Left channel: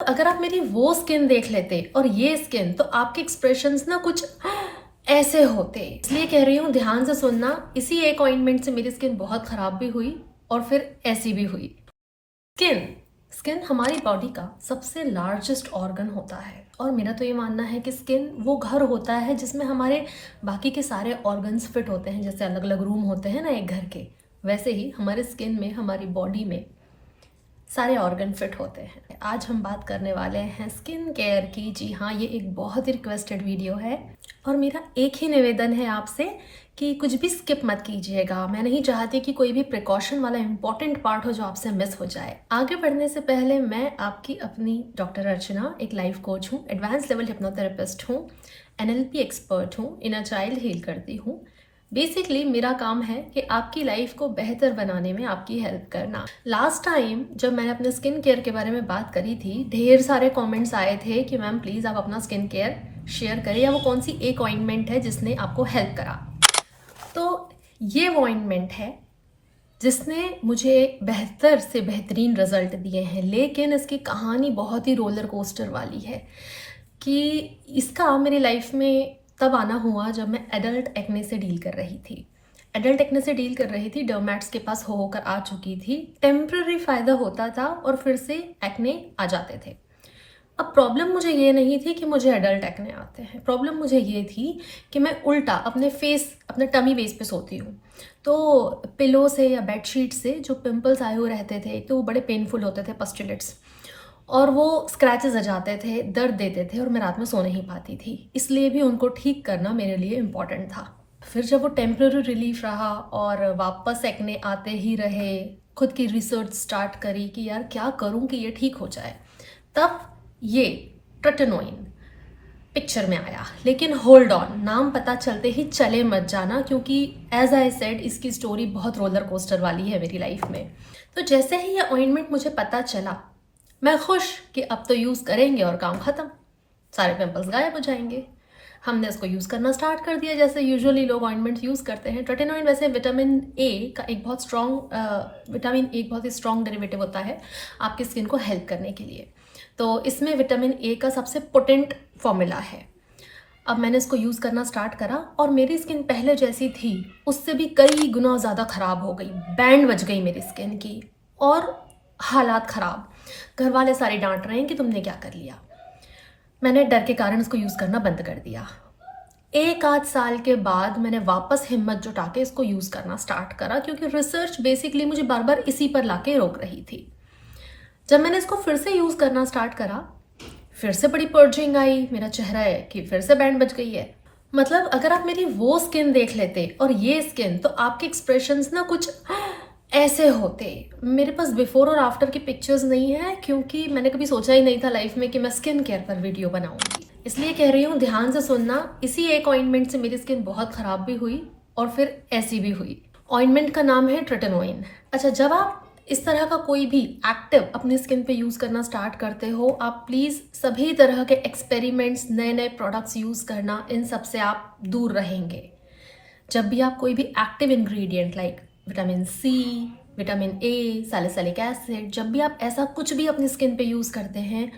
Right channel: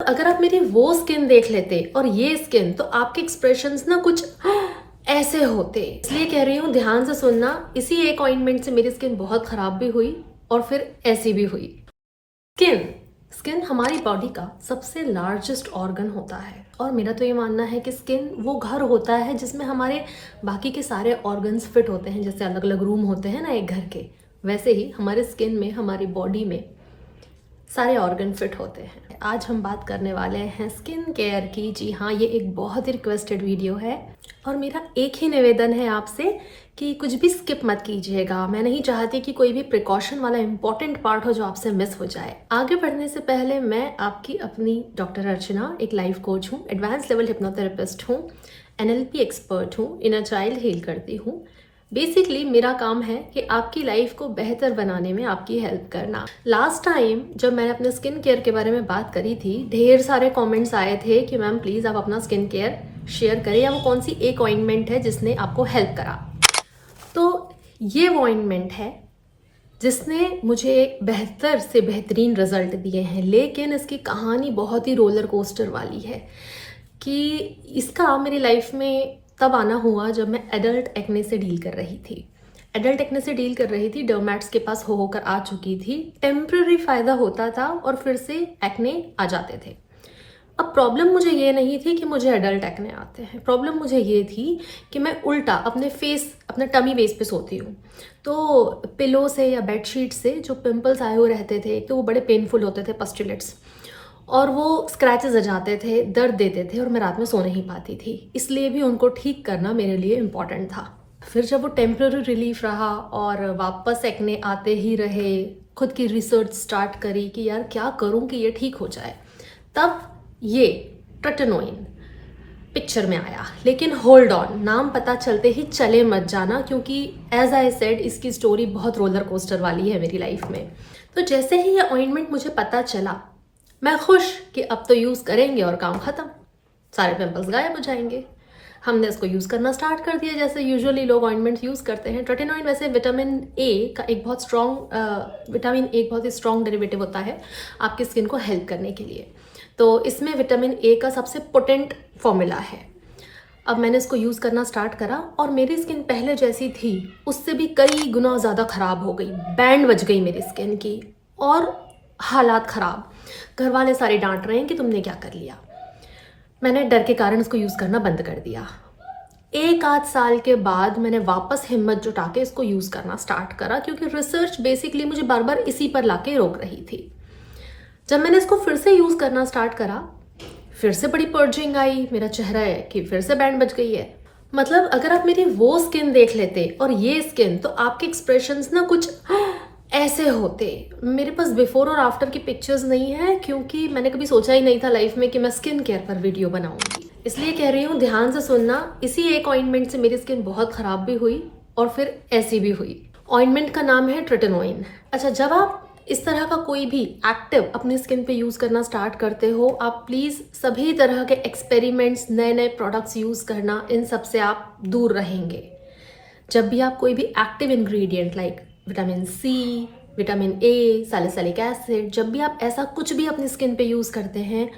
अगर आप मेरी वो स्किन देख लेते और ये स्किन, तो आपके एक्सप्रेशंस ना कुछ ऐसे होते। इसलिए कह रही हूँ, ध्यान से सुनना। इसी एक ऑइंटमेंट से मेरी स्किन बहुत खराब भी हुई और फिर ऐसी भी हुई। स्किन स्किन हमारी बॉडी का सबसे लार्जेस्ट ऑर्गन होता है और मेरा तो ये मानना है कि स्किन वो घर होता है जिसमें हमारे बाकी के सारे ऑर्गन्स फिट होते हैं। जैसे अलग अलग रूम होते हैं ना एक घर के, वैसे ही हमारे स्किन में, हमारी बॉडी में सारे ऑर्गन फिट होते हैं। आज हम बात करने वाले हैं स्किन केयर की। जी हाँ, ये एक बहुत ही रिक्वेस्टेड वीडियो है और मेरा एक ही निवेदन है आपसे कि कुछ भी स्किप मत कीजिएगा। मैं नहीं चाहती कि कोई भी प्रिकॉशन वाला इंपॉर्टेंट पार्ट हो जो आपसे मिस हो जाए। आगे बढ़ने से पहले मैं आपकी अपनी डॉक्टर अर्चना, एक लाइफ कोच हूँ, एडवांस लेवल हिप्नोथेरेपिस्ट हूँ, NLP एक्सपर्ट हूँ, इनर चाइल्ड हील करती हूँ। बेसिकली मेरा काम है कि आपकी लाइफ को बेहतर बनाने में आपकी हेल्प करना। लास्ट टाइम जब मैंने अपने स्किन केयर के बारे में बात करी थी, ढेर सारे कमेंट्स आए थे कि मैम प्लीज़ आप अपना स्किन केयर शेयर करें, या वो कौन सी एक ऑइंटमेंट है जिसने आपको हेल्प करा। तो ये वो ऑइंटमेंट है जिसने मुझे बेहतर से बेहतरीन रिजल्ट दिए हैं, लेकिन इसकी कहानी बहुत ही रोलर कोस्टर वाली है कि इसका मेरी लाइफ में तब आना हुआ जब मैं एडल्ट एक्ने से डील कर रही थी। डर्मैट्स के पास होकर आ चुकी थी। टेम्पररी फ़ायदा होता था और फिर से एक्ने आ जाते थे। अब प्रॉब्लम मुझे ये नहीं थी कि मुझे एडल्ट एक्ने आते हैं, प्रॉब्लम मुझे ये थी कि मैं उल्टा अपने टमी बेस पे सोती हूँ। तो पिलो से या बेडशीट से जो पिंपल्स आए हुए रहते थे, तो वो बड़े पेनफुल होते थे, पस्टुलेट्स, और वो स्क्रैचेस आ जाते थे, दर्द देते थे और मैं रात में सो नहीं पाती थी। इसलिए भी उनको ठीक करना मेरे लिए इम्पॉर्टेंट था। फिर जब वो टेम्पररी रिलीफ रहा और वापस एक्ने आते ही रहे, खुद की रिसर्च स्टार्ट करी कि यार क्या करूं कि ये ठीक हो जाए, तब ये ट्रेटेनोइन पिक्चर में आया। लेकिन होल्ड ऑन, नाम पता चलते ही चले मत जाना, क्योंकि एज आई सेड इसकी स्टोरी बहुत रोलर कोस्टर वाली है मेरी लाइफ में। तो जैसे ही ये ऑइंटमेंट मुझे पता चला, मैं खुश कि अब तो यूज़ करेंगे और काम ख़त्म, सारे पिंपल्स गायब हो जाएंगे। हमने इसको यूज़ करना स्टार्ट कर दिया जैसे यूजुअली लोग ऑइंटमेंट्स यूज़ करते हैं। ट्रेटेनोइन वैसे विटामिन ए का एक बहुत ही स्ट्रॉन्ग डेरिवेटिव होता है आपकी स्किन को हेल्प करने के लिए। तो इसमें विटामिन ए का सबसे पोटेंट फॉर्मूला है। अब मैंने इसको यूज़ करना स्टार्ट करा और मेरी स्किन पहले जैसी थी उससे भी कई गुना ज़्यादा ख़राब हो गई। बैंड बज गई मेरी स्किन की और हालात ख़राब। घर वाले सारे डांट रहे हैं कि तुमने क्या कर लिया। मैंने डर के कारण इसको यूज़ करना बंद कर दिया। एक आध साल के बाद मैंने वापस हिम्मत जुटा के इसको यूज़ करना स्टार्ट करा, क्योंकि रिसर्च बेसिकली मुझे बार बार इसी पर लाके रोक रही थी। जब मैंने इसको फिर से यूज़ करना स्टार्ट करा, फिर से बड़ी पर्जिंग आई, मेरा चेहरा है कि फिर से बैंड बज गई है। मतलब अगर आप मेरी वो स्किन देख लेते और ये स्किन, तो आपके एक्सप्रेशंस ना कुछ ऐसे होते। मेरे पास बिफोर और आफ्टर की पिक्चर्स नहीं है, क्योंकि मैंने कभी सोचा ही नहीं था लाइफ में कि मैं स्किन केयर पर वीडियो बनाऊंगी। इसलिए कह रही हूँ, ध्यान से सुनना। इसी एक ऑइंटमेंट से मेरी स्किन बहुत खराब भी हुई और फिर ऐसी भी हुई। ऑइंटमेंट का नाम है ट्रेटेनोइन। अच्छा, जब आप इस तरह का कोई भी एक्टिव अपनी स्किन पे यूज़ करना स्टार्ट करते हो, आप प्लीज़ सभी तरह के एक्सपेरिमेंट्स, नए नए प्रोडक्ट्स यूज़ करना, इन सब से आप दूर रहेंगे। जब भी आप कोई भी active ingredient like vitamin C, vitamin A, salicylic acid, जब भी आप ऐसा कुछ भी अपनी स्किन पे यूज़ करते हैं,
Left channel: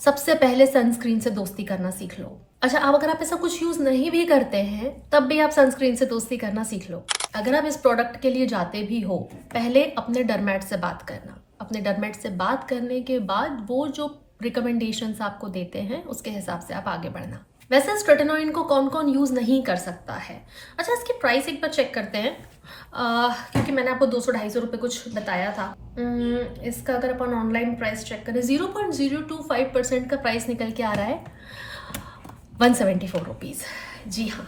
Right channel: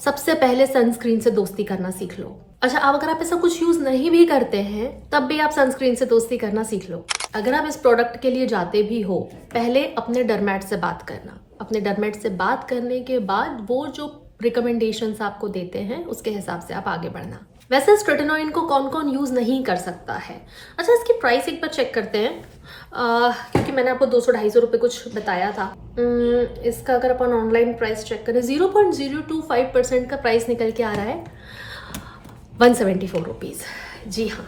सबसे पहले सनस्क्रीन से दोस्ती करना सीख लो। अच्छा, अब अगर आप ऐसा कुछ यूज़ नहीं भी करते हैं, तब भी आप सनस्क्रीन से दोस्ती करना सीख लो। अगर आप इस प्रोडक्ट के लिए जाते भी हो, पहले अपने डर्मेट से बात करना। अपने डर्मेट से बात करने के बाद वो जो रिकमेंडेशंस आपको देते हैं, उसके हिसाब से आप आगे बढ़ना। वैसे इस ट्रेटेनोइन को कौन कौन यूज़ नहीं कर सकता है? अच्छा, इसकी प्राइस एक बार चेक करते हैं, क्योंकि मैंने आपको 200-250 रुपये कुछ बताया था। इसका अगर अपन ऑनलाइन प्राइस चेक करें, 0.025% का प्राइस निकल के आ रहा है 174 रुपीज़। जी हाँ,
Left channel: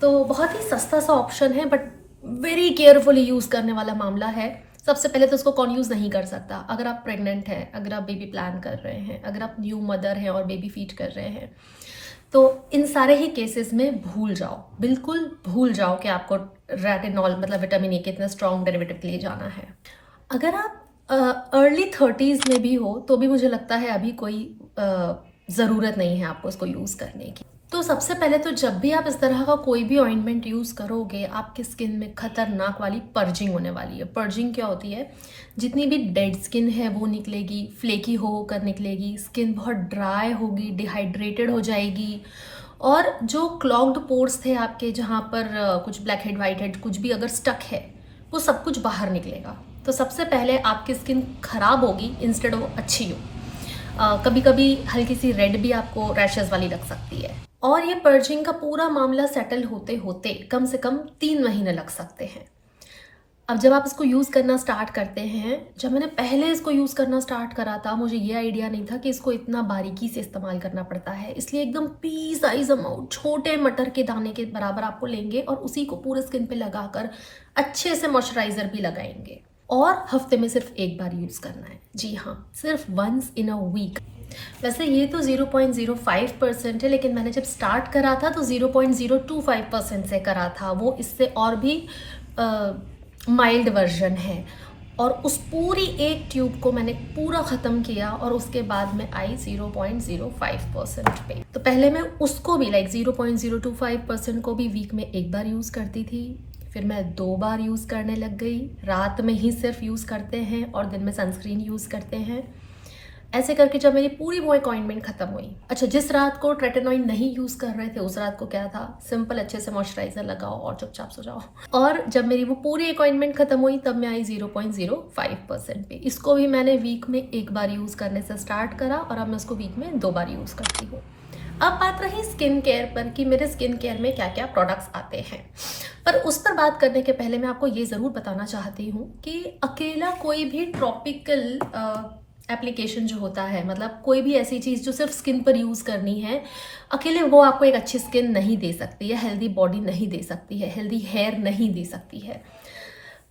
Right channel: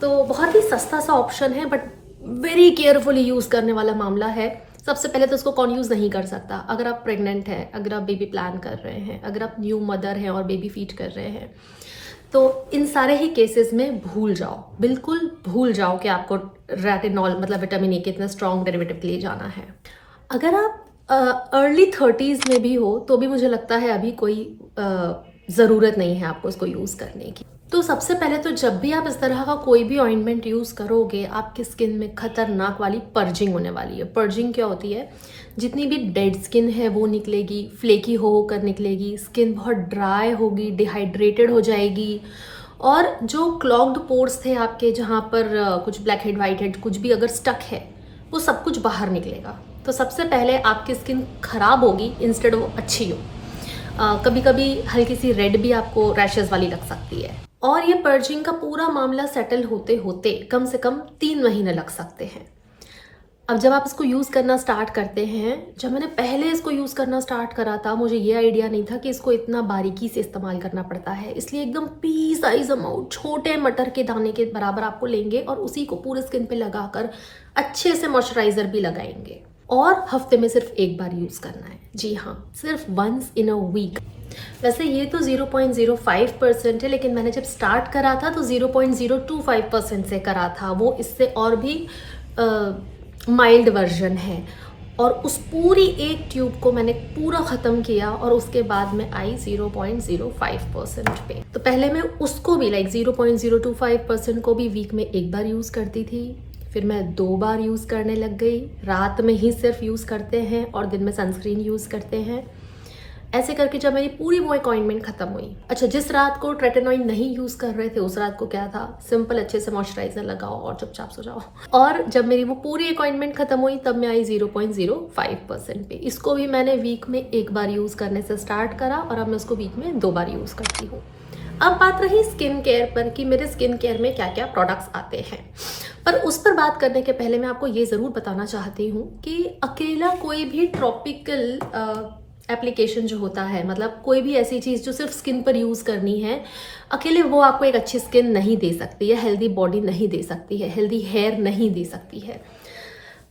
तो बहुत ही सस्ता सा ऑप्शन है, बट वेरी केयरफुली यूज़ करने वाला मामला है। सबसे पहले तो उसको कौन यूज़ नहीं कर सकता? अगर आप प्रेग्नेंट हैं, अगर आप बेबी प्लान कर रहे हैं, अगर आप न्यू मदर हैं और बेबी फीड कर रहे हैं, तो इन सारे ही केसेस में भूल जाओ, बिल्कुल भूल जाओ कि आपको रेटिनॉल मतलब विटामिन ए के इतना स्ट्रॉन्ग डेरिवेटिव ले जाना है। अगर आप अर्ली 30s में भी हो, तो भी मुझे लगता है अभी कोई ज़रूरत नहीं है आपको इसको यूज़ करने की। तो सबसे पहले तो जब भी आप इस तरह का कोई भी ऑइंटमेंट यूज़ करोगे, आपकी स्किन में खतरनाक वाली पर्जिंग होने वाली है। पर्जिंग क्या होती है? जितनी भी डेड स्किन है वो निकलेगी, फ्लेकी हो होकर निकलेगी, स्किन बहुत ड्राई होगी, डिहाइड्रेटेड हो जाएगी, और जो क्लॉग्ड पोर्स थे आपके, जहाँ पर कुछ ब्लैक हेड वाइट हेड कुछ भी अगर स्टक है, वो सब कुछ बाहर निकलेगा। तो सबसे पहले आपकी स्किन खराब होगी इंस्टेड ऑफ अच्छी हो। कभी कभी हल्की सी रेड भी आपको रैशेस वाली लग सकती है। और ये पर्जिंग का पूरा मामला सेटल होते होते कम से कम 3 महीने लग सकते हैं। अब जब आप इसको यूज़ करना स्टार्ट करते हैं, जब मैंने पहले इसको यूज़ करना स्टार्ट करा था, मुझे ये आइडिया नहीं था कि इसको इतना बारीकी से इस्तेमाल करना पड़ता है। इसलिए एकदम पी साइज अमाउंट, छोटे मटर के दाने के बराबर आपको लेंगे और उसी को पूरे स्किन पे लगाकर अच्छे से मॉइस्चराइजर भी लगाएंगे, और हफ्ते में सिर्फ एक बार यूज़ करना है। जी हाँ, सिर्फ वंस इन अ वीक। वैसे ये तो 0.05% है, लेकिन मैंने जब स्टार्ट करा था तो 0.025% से करा था। वो इससे और भी माइल्ड वर्जन है। और उस पूरी एक ट्यूब को मैंने पूरा ख़त्म किया और उसके बाद में आई 0.05% पे। तो पहले मैं उसको भी 0.025% को भी वीक में एक बार यूज़ करती थी, फिर मैं 2 बार यूज़ करने लग गई। रात में ही सिर्फ यूज़ करते हैं और दिन में सनस्क्रीन यूज़ करते हैं। ऐसे करके जब मेरी पूरी वो अपॉइंटमेंट खत्म हुई। अच्छा, जिस रात को ट्रेटेनॉइड नहीं यूज़ कर रहे थे, उस रात को क्या था, सिंपल अच्छे से मॉइस्चराइजर लगाओ और चुपचाप सो जाओ। और जब मेरी वो पूरी अपॉइंटमेंट खत्म हुई, तब मैं आई 0.05% पे। इसको भी मैंने वीक में एक बार यूज़ करने से स्टार्ट करा और अब मैं उसको वीक में 2 बार यूज़ करती हूँ। अब बात रही स्किन केयर पर कि मेरे स्किन केयर में क्या क्या प्रोडक्ट्स आते हैं। पर उस पर बात करने के पहले मैं आपको ये ज़रूर बताना चाहती हूँ कि अकेला कोई भी ट्रॉपिकल एप्लीकेशन जो होता है, मतलब कोई भी ऐसी चीज़ जो सिर्फ स्किन पर यूज़ करनी है, अकेले वो आपको एक अच्छी स्किन नहीं दे सकती है, हेल्दी बॉडी नहीं दे सकती है, हेल्दी हेयर नहीं दे सकती है।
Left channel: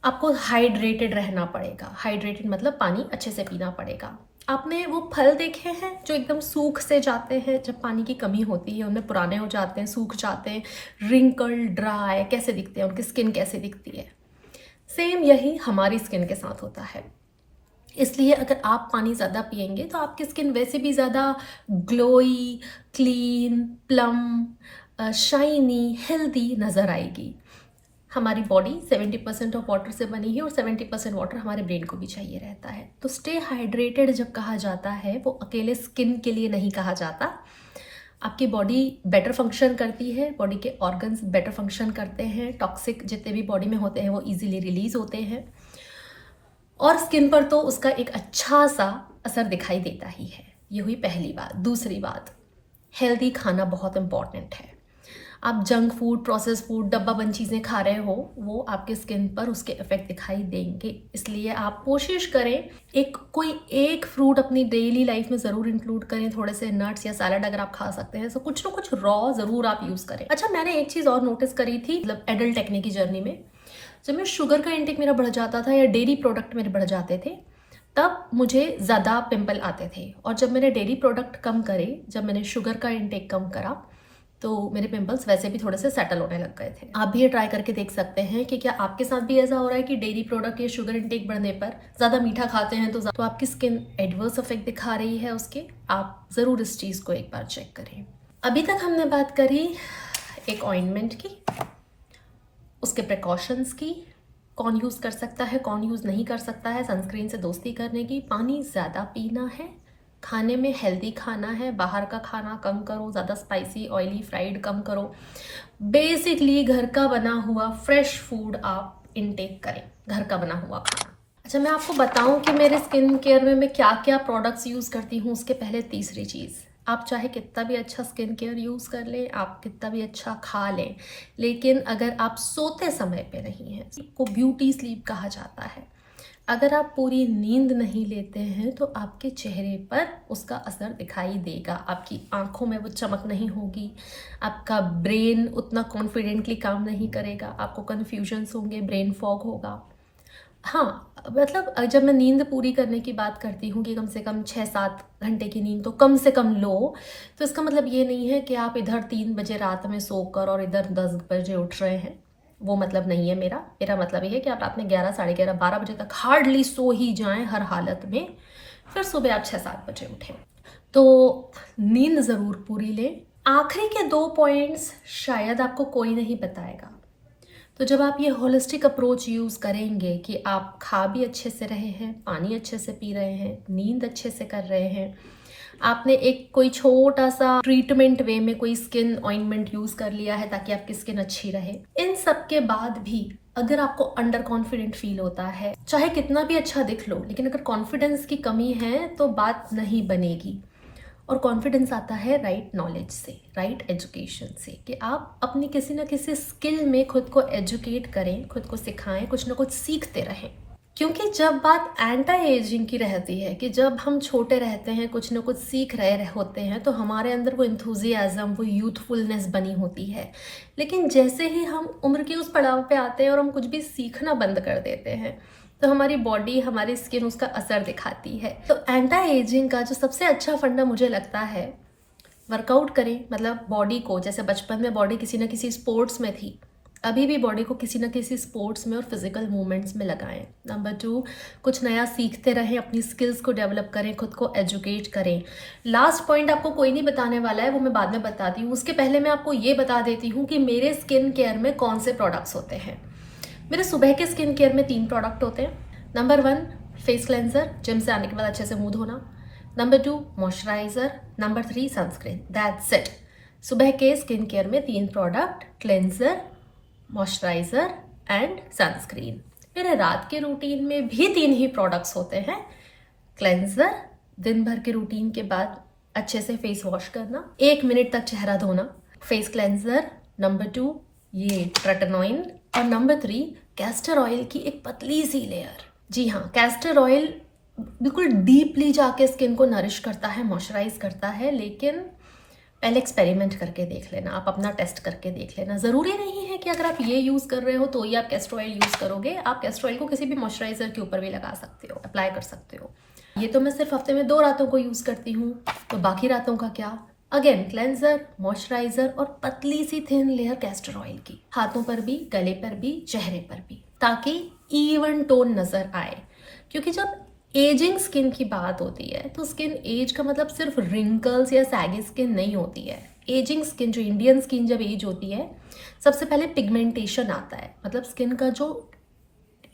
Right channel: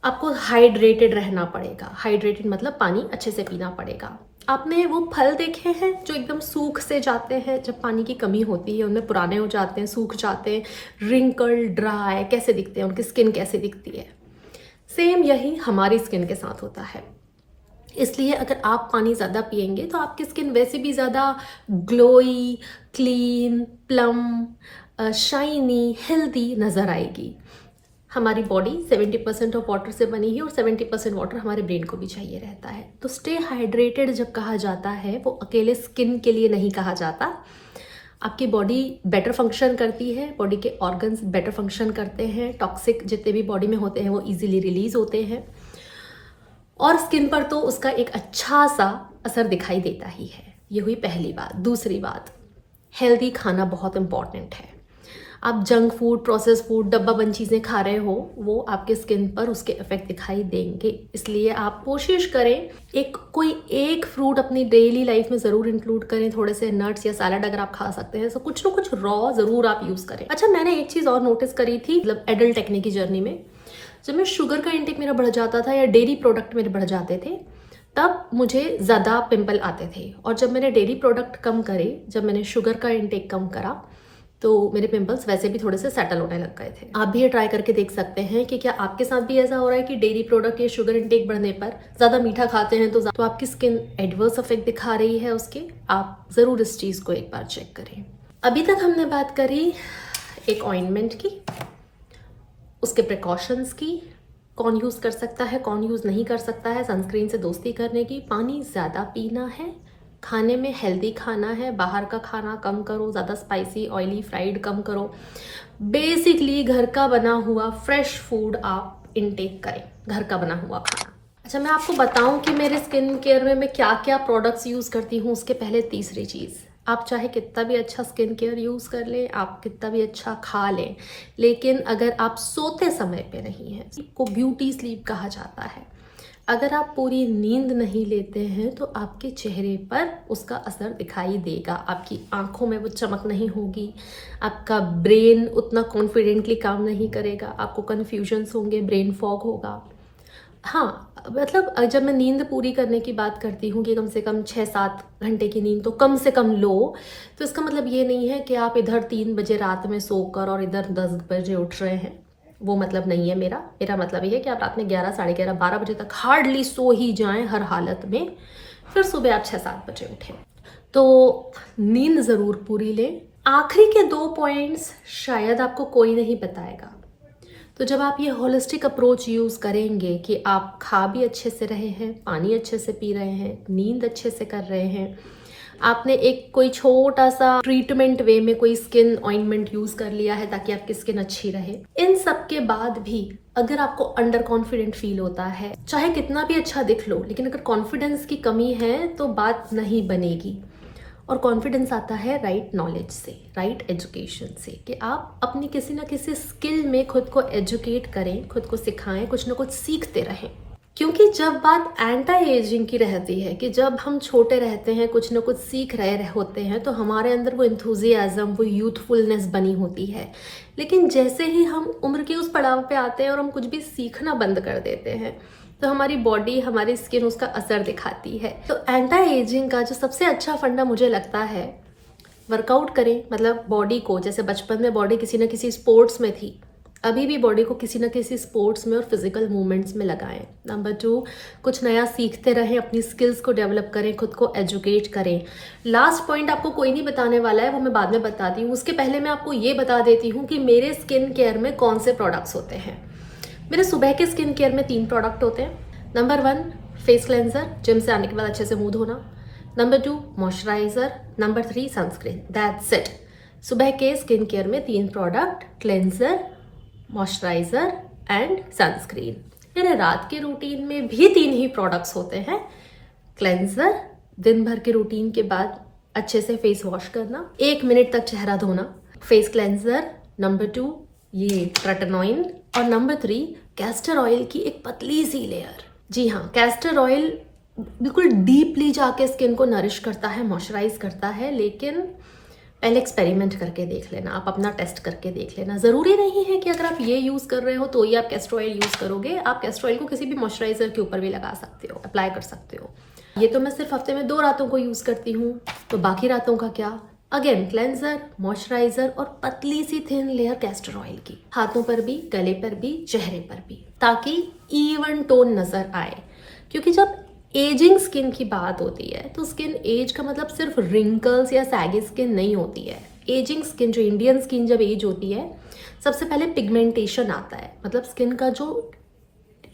आपको हाइड्रेटेड रहना पड़ेगा। हाइड्रेटेड मतलब पानी अच्छे से पीना पड़ेगा। आपने वो फल देखे हैं जो एकदम सूख से जाते हैं, जब पानी की कमी होती है, उनमें पुराने हो जाते हैं, सूख जाते हैं, रिंकल, ड्राई कैसे दिखते हैं, उनकी स्किन कैसे दिखती है। सेम यही हमारी स्किन के साथ होता है। इसलिए अगर आप पानी ज़्यादा पिएंगे तो आपकी स्किन वैसे भी ज़्यादा glowy, clean, plum, shiny, healthy नज़र आएगी। हमारी बॉडी 70% ऑफ वाटर से बनी है और 70% वाटर हमारे ब्रेन को भी चाहिए रहता है। तो स्टे हाइड्रेटेड जब कहा जाता है, वो अकेले स्किन के लिए नहीं कहा जाता। आपकी बॉडी बेटर फंक्शन करती है, बॉडी के ऑर्गन्स बेटर फंक्शन करते हैं, टॉक्सिक जितने भी बॉडी में होते हैं वो ईजिली रिलीज होते हैं, और स्किन पर तो उसका एक अच्छा सा असर दिखाई देता ही है। ये हुई पहली बात। दूसरी बात, हेल्दी खाना बहुत इम्पॉर्टेंट है। आप जंक फूड, प्रोसेस फूड, डब्बा बंद चीज़ें खा रहे हो, वो आपके स्किन पर उसके इफेक्ट दिखाई देंगे। इसलिए आप कोशिश करें कोई एक फ्रूट अपनी डेली लाइफ में ज़रूर इंक्लूड करें। थोड़े से नट्स या सैलड अगर आप खा सकते हैं तो कुछ ना कुछ रॉ ज़रूर आप यूज़ करें। अच्छा, मैंने एक चीज़ और नोटिस करी थी, मतलब एडल्ट एक्ने की जर्नी में, जब मैं शुगर का इंटेक मेरा बढ़ जाता था या डेयरी प्रोडक्ट मेरे बढ़ जाते थे, तब मुझे ज़्यादा पिंपल आते थे। और जब मैंने डेयरी प्रोडक्ट कम करे, जब मैंने शुगर का इंटेक कम करा, तो मेरे पिंपल्स वैसे भी थोड़े से सेटल होने लग गए थे। आप भी ये ट्राई करके देख सकते हैं कि क्या आपके साथ भी ऐसा हो रहा है कि डेयरी प्रोडक्ट या शुगर इंटेक बढ़ने पर, ज़्यादा मीठा खाते हैं तो आपकी स्किन एडवर्स इफेक्ट दिखा रही है उसके। आप ज़रूर इस चीज़ को एक बार चेक करें। अभी तक हमने बात करी एक ऑइंटमेंट की, उसके प्रिकॉशंस की, कौन यूज़ कर सकता है, कौन यूज़ नहीं कर सकता है, सनस्क्रीन से दोस्ती करने की, पानी ज़्यादा पीना है, खाने में हेल्दी खाना है, बाहर का खाना कम करो, ज़्यादा स्पाइसी, ऑयली, फ्राइड कम करो। बेसिकली घर का बना हुआ फ्रेश फूड आप इनटेक करें, घर का बना हुआ खाना। अच्छा, मैं आपको बताऊं कि मेरे स्किन केयर में मैं क्या क्या प्रोडक्ट्स यूज़ करती हूँ, उसके पहले तीसरी चीज़, आप चाहे कितना भी अच्छा स्किन केयर यूज़ कर लें, आप कितना भी अच्छा खा लें, लेकिन अगर आप सोते समय पे नहीं हैं, को ब्यूटी स्लीप कहा जाता है, अगर आप पूरी नींद नहीं लेते हैं तो आपके चेहरे पर उसका असर दिखाई देगा। आपकी आंखों में वो चमक नहीं होगी, आपका ब्रेन उतना कॉन्फिडेंटली काम नहीं करेगा, आपको कन्फ्यूजन्स होंगे, ब्रेन फॉग होगा। हाँ, मतलब जब मैं नींद पूरी करने की बात करती हूँ कि कम से कम 6-7 घंटे की नींद तो कम से कम लो, तो इसका मतलब ये नहीं है कि आप इधर 3 बजे रात में सोकर और इधर 10 बजे उठ रहे हैं। वो मतलब नहीं है मेरा मतलब ये है कि आप रात में 11, साढ़े 11, 12 बजे तक हार्डली सो ही जाएं हर हालत में, फिर सुबह आप 6-7 बजे उठें। तो नींद ज़रूर पूरी लें, आखिरी के 2 पॉइंट्स शायद आपको कोई नहीं बताएगा। तो जब आप ये होलिस्टिक अप्रोच यूज़ करेंगे कि आप खा भी अच्छे से रहे हैं, पानी अच्छे से पी रहे हैं, नींद अच्छे से कर रहे हैं, आपने एक कोई छोटा सा ट्रीटमेंट वे में कोई स्किन ऑइंटमेंट यूज़ कर लिया है ताकि आपकी स्किन अच्छी रहे, इन सब के बाद भी अगर आपको अंडर कॉन्फिडेंट फील होता है, चाहे कितना भी अच्छा दिख लो, लेकिन अगर कॉन्फिडेंस की कमी है तो बात नहीं बनेगी। और कॉन्फिडेंस आता है राइट नॉलेज से, राइट एजुकेशन से, कि आप अपनी किसी ना किसी स्किल में खुद को एजुकेट करें, खुद को सिखाएं, कुछ ना कुछ सीखते रहें। क्योंकि जब बात एंटी एजिंग की रहती है कि जब हम छोटे रहते हैं, कुछ ना कुछ सीख रहे होते हैं, तो हमारे अंदर वो इंथुजियाज्म, वो यूथफुलनेस बनी होती है। लेकिन जैसे ही हम उम्र के उस पड़ाव पे आते हैं और हम कुछ भी सीखना बंद कर देते हैं, तो हमारी बॉडी, हमारी स्किन उसका असर दिखाती है। तो एंटी एजिंग का जो सबसे अच्छा फंडा मुझे लगता है, वर्कआउट करें। मतलब बॉडी को, जैसे बचपन में बॉडी किसी न किसी स्पोर्ट्स में थी, अभी भी बॉडी को किसी न किसी स्पोर्ट्स में और फिजिकल मूवमेंट्स में लगाएं। नंबर 2, कुछ नया सीखते रहें, अपनी स्किल्स को डेवलप करें, खुद को एजुकेट करें। लास्ट पॉइंट आपको कोई नहीं बताने वाला है, वो मैं बाद में बताती हूँ। उसके पहले मैं आपको ये बता देती हूँ कि मेरे स्किन केयर में कौन से प्रोडक्ट्स होते हैं। मेरे सुबह के स्किन केयर में 3 प्रोडक्ट होते हैं। नंबर 1 फेस क्लेंजर, जिम से आने के बाद अच्छे से मुंह धोना। Number 2 moisturiser. Number 3 sunscreen. That's it. सुबह के स्किन केयर में 3 product, cleanser, moisturiser and sunscreen. मेरे रात के रूटीन में भी 3 ही प्रोडक्ट्स होते हैं। क्लेंजर, दिन भर के रूटीन के बाद अच्छे से फेस वॉश करना, 1 मिनट तक चेहरा धोना। Face cleanser. नंबर 2 ये ट्रेटनॉइन। और नंबर 3 कैस्टर ऑयल की एक पतली सी लेयर। जी हाँ, कैस्टर ऑयल बिल्कुल डीपली जाके स्किन को नरिश करता है, मॉइस्चराइज करता है। लेकिन पहले एक्सपेरिमेंट करके देख लेना, आप अपना टेस्ट करके देख लेना। ज़रूरी नहीं है कि अगर आप ये यूज़ कर रहे हो तो ही आप कैस्टर ऑयल यूज़ करोगे। आप कैस्टर ऑयल को किसी भी मॉइस्चराइजर के ऊपर भी लगा सकते हो, अप्लाई कर सकते हो। ये तो मैं सिर्फ हफ्ते में 2 रातों को यूज़ करती हूँ, तो बाकी रातों का क्या? अगेन क्लेंजर, मॉइस्चराइजर और पतली सी थिन लेयर कैस्टर ऑयल की, हाथों पर भी, गले पर भी, चेहरे पर भी, ताकि इवन टोन नजर आए। क्योंकि जब एजिंग स्किन की बात होती है तो स्किन एज का मतलब सिर्फ रिंकल्स या सैगी स्किन नहीं होती है। एजिंग स्किन, जो इंडियन स्किन जब एज होती है, सबसे पहले पिगमेंटेशन आता है। मतलब स्किन का जो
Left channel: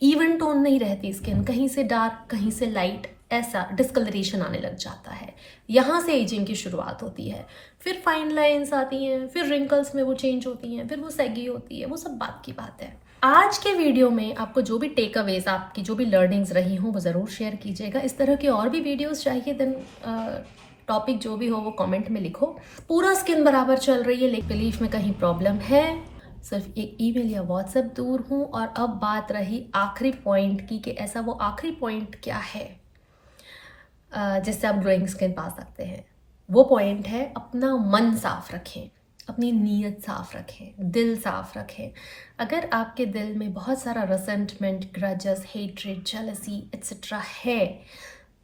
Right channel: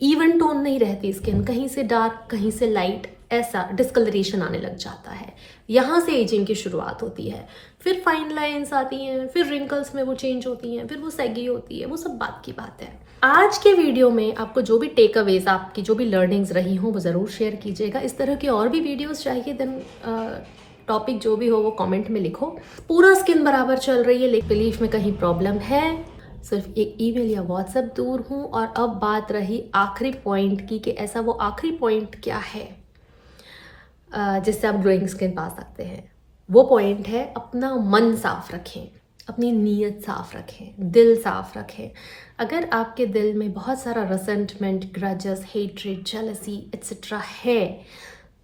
इवन टोन नहीं रहती, स्किन कहीं से डार्क, कहीं से लाइट, ऐसा डिस्कलरेशन आने लग जाता है। यहाँ से एजिंग की शुरुआत होती है। फिर फाइन लाइंस आती हैं, फिर रिंकल्स में वो चेंज होती हैं, फिर वो सैगी होती है। वो सब बात की बात है। आज के वीडियो में आपको जो भी टेक अवेज, आपकी जो भी लर्निंग्स रही हों, वो ज़रूर शेयर कीजिएगा। इस तरह के और भी वीडियोस चाहिए, देन टॉपिक जो भी हो वो कमेंट में लिखो। पूरा स्किन बराबर चल रही है, लेकिन बिलीफ में कहीं प्रॉब्लम है, सिर्फ एक ईमेल या व्हाट्सएप दूर हूँ। और अब बात रही आखिरी पॉइंट की, कि ऐसा वो आखिरी पॉइंट क्या है जिससे आप ग्लोइंग स्किन पा सकते हैं। वो पॉइंट है, अपना मन साफ रखें, अपनी नीयत साफ रखें, दिल साफ रखें। अगर आपके दिल में बहुत सारा resentment, grudges, hatred, jealousy etcetera है,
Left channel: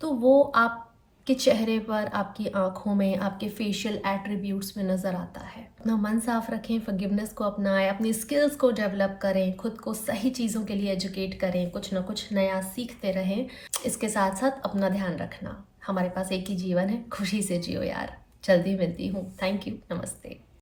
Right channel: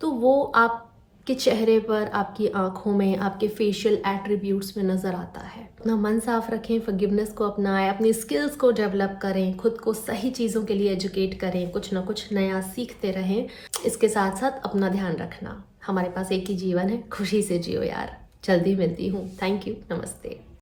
तो वो आपके चेहरे पर, आपकी आंखों में, आपके फेशियल एट्रीब्यूट्स में नज़र आता है। अपना मन साफ रखें, फॉरगिवनेस को अपनाएं, अपनी स्किल्स को डेवलप करें, खुद को सही चीज़ों के लिए एजुकेट करें, कुछ ना कुछ नया सीखते रहें। इसके साथ साथ अपना ध्यान रखना। हमारे पास एक ही जीवन है, खुशी से जियो यार। जल्दी मिलती हूँ। थैंक यू, नमस्ते।